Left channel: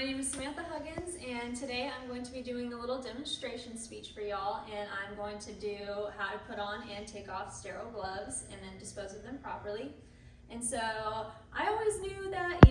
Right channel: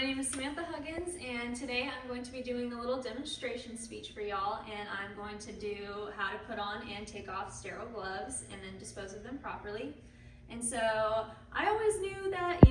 My name is Samantha Huggins, and today I'm going to be doing a little demonstration speech for y'all, and I'm going to do how to put on and take off sterile gloves and then dispose of them properly. And so I always knew that,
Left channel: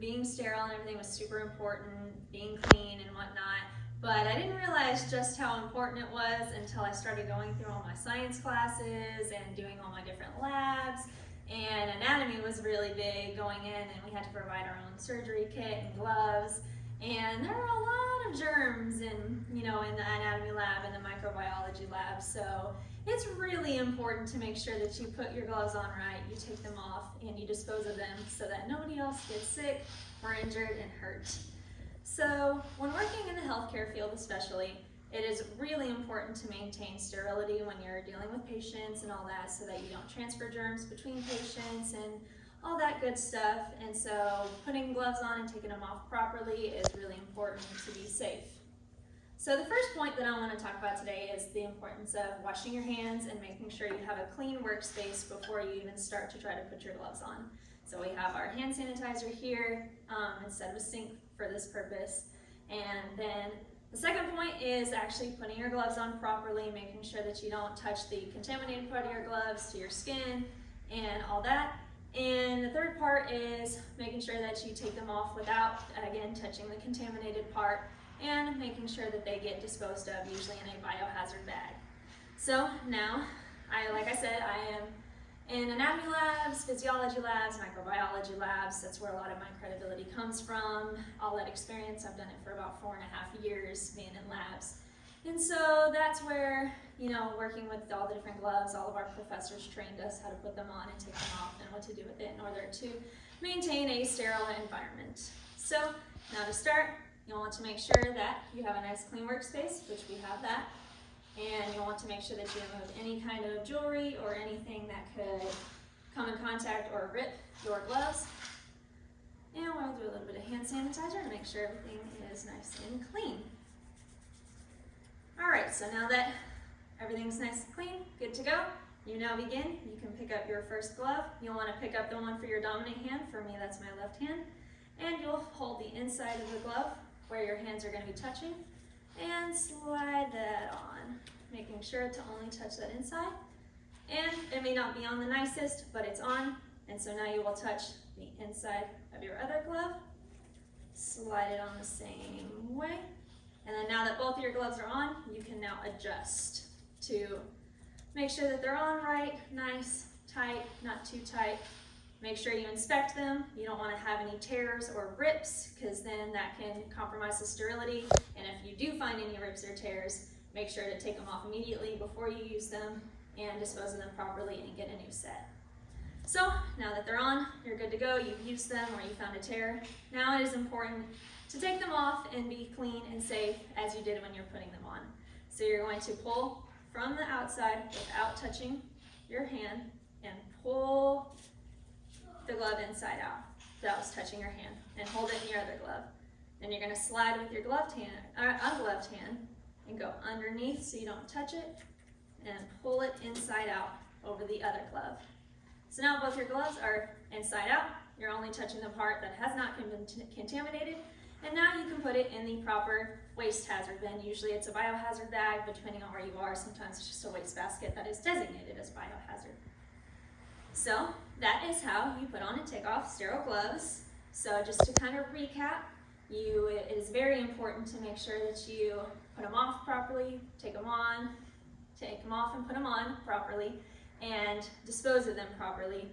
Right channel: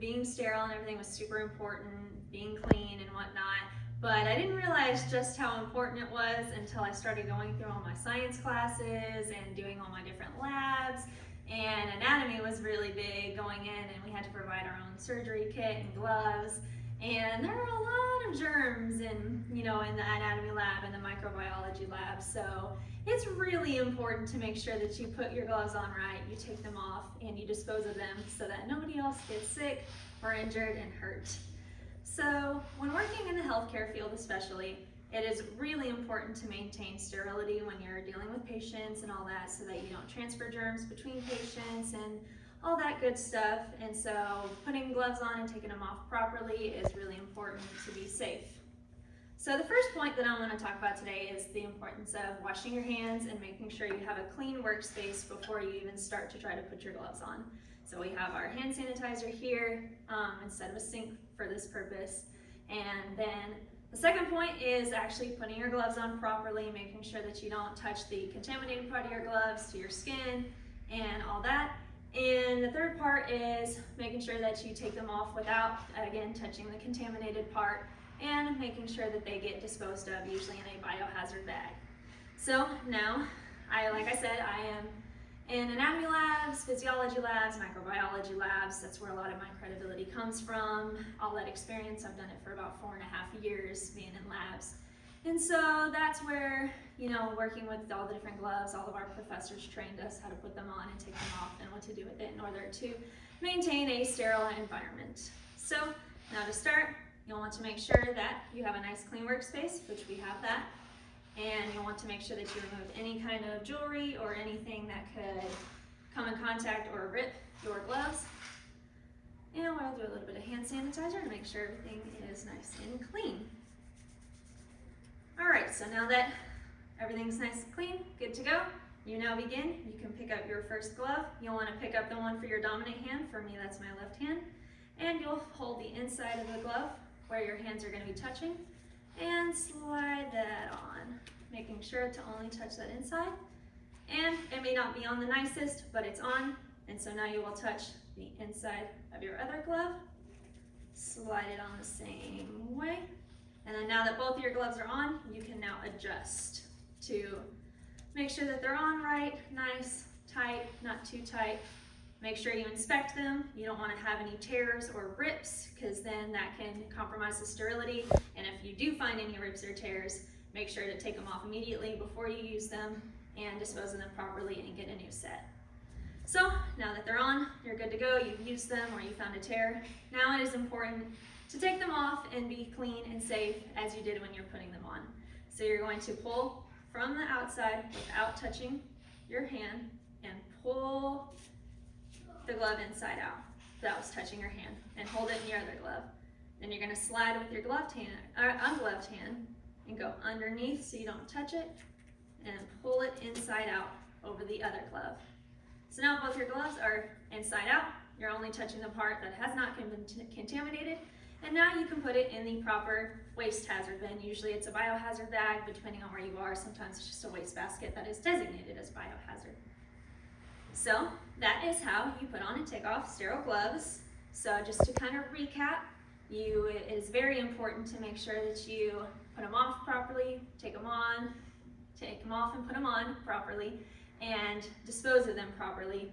being sterile and everything was super important, being clean and whatnot, but I didn't realize just how important it was until I started going through all my science classes and doing all my different labs. And anatomy was really big going in, and we had to provide our own surgery kit and gloves. And there were a lot of germs in the anatomy lab and the microbiology lab. So it's really important to make sure that you put your gloves on right, you take them off, and you dispose of them so that nobody else gets sick or injured and hurt. So when working in the healthcare field especially, it is really important to maintain sterility when you're dealing with patients and all that, so that you don't transfer germs between patients and all that good stuff. And so putting gloves on and taking them off properly is really important to be safe. So the first point that I want to talk about today is the importance of washing your hands and making sure you have a clean workspace before you even start to try to put your gloves on. So we have our hand sanitizer here instead of a sink for this purpose. And then the second point is actually putting your gloves on properly, making sure that you don't touch the contaminated part of your gloves to your skin and all that. And the third part is making sure that you take them off without, again, touching the contaminated part, and making sure that they get disposed of, usually in a biohazard bag. So now, like I said, I am in anatomy labs, physiology labs, microbiology labs. That's where a lot of my credibility comes from. All that experience, I've done it for about 4.5 years being in labs. And so that's where, working with all the different gloves, all of our professors trained us how to put them on and take them off and what to do with it in order to maintain a sterile environment. So now to start, you'll want to make sure that you have a nice clean workspace, which we have that. And you'll want to make sure that you remove any kind of jewelry or anything that could come in contact or rip your gloves. And we're going to do a little bit of hand sanitizer to make sure everything is nice and clean. All right, so now that everything's nice and clean, good to go, you now begin. You can pick up your first glove. You'll want to pick up the one for your dominant hand. For me, that's my left hand. And you'll hold the inside of the glove where your hands are going to be touching and slide that on, making sure to only touch that inside. And it may not be on the nicest, but it's on. And so now you will touch the inside of your other glove, slide it on the same way. And then now that both of your gloves are on, you can now adjust to make sure that they're on right, nice, tight, not too tight. Make sure you inspect them. You don't want to have any tears or rips, because then that can compromise the sterility. And if you do find any rips or tears, make sure to take them off immediately before you use them and dispose of them properly and get a new set. So now that they're on, you're good to go. You've used them or you found a tear. Now it is important to take them off and be clean and safe as you did when you're putting them on. So you're going to pull from the outside without touching your hand and pull the glove inside out without touching your hand, and hold it in your other glove. Then you're going to slide with your gloved hand, or ungloved hand, and go underneath so you don't touch it, and pull it inside out over the other glove. So now both your gloves are inside out. You're only touching the part that has not been contaminated, and now you can put it in the proper waste hazard bin. Usually it's a biohazard bag, but depending on where you are, sometimes it's just a waste basket that is designated as biohazard. So that is how you put on and take off sterile gloves. So just to kind of recap, it is very important to make sure that you put them off properly, take them off and put them on properly, and dispose of them properly.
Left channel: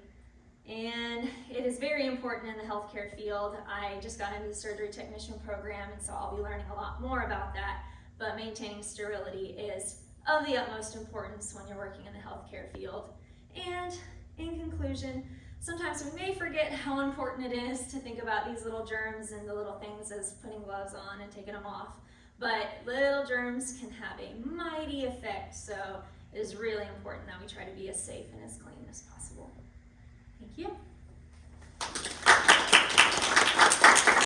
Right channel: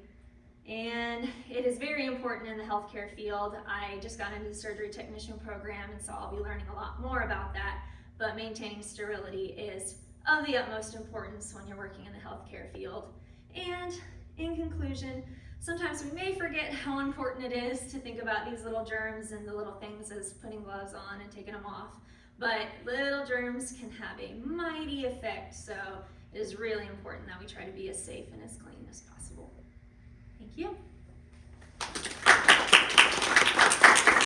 And it is very important in the healthcare field. I just got into the surgery technician program, and so I'll be learning a lot more about that. But maintaining sterility is of the utmost importance when you're working in the healthcare field. And in conclusion, sometimes we may forget how important it is to think about these little germs and the little things as putting gloves on and taking them off. But little germs can have a mighty effect, so it is really important that we try to be as safe and as clean as possible. Thank you.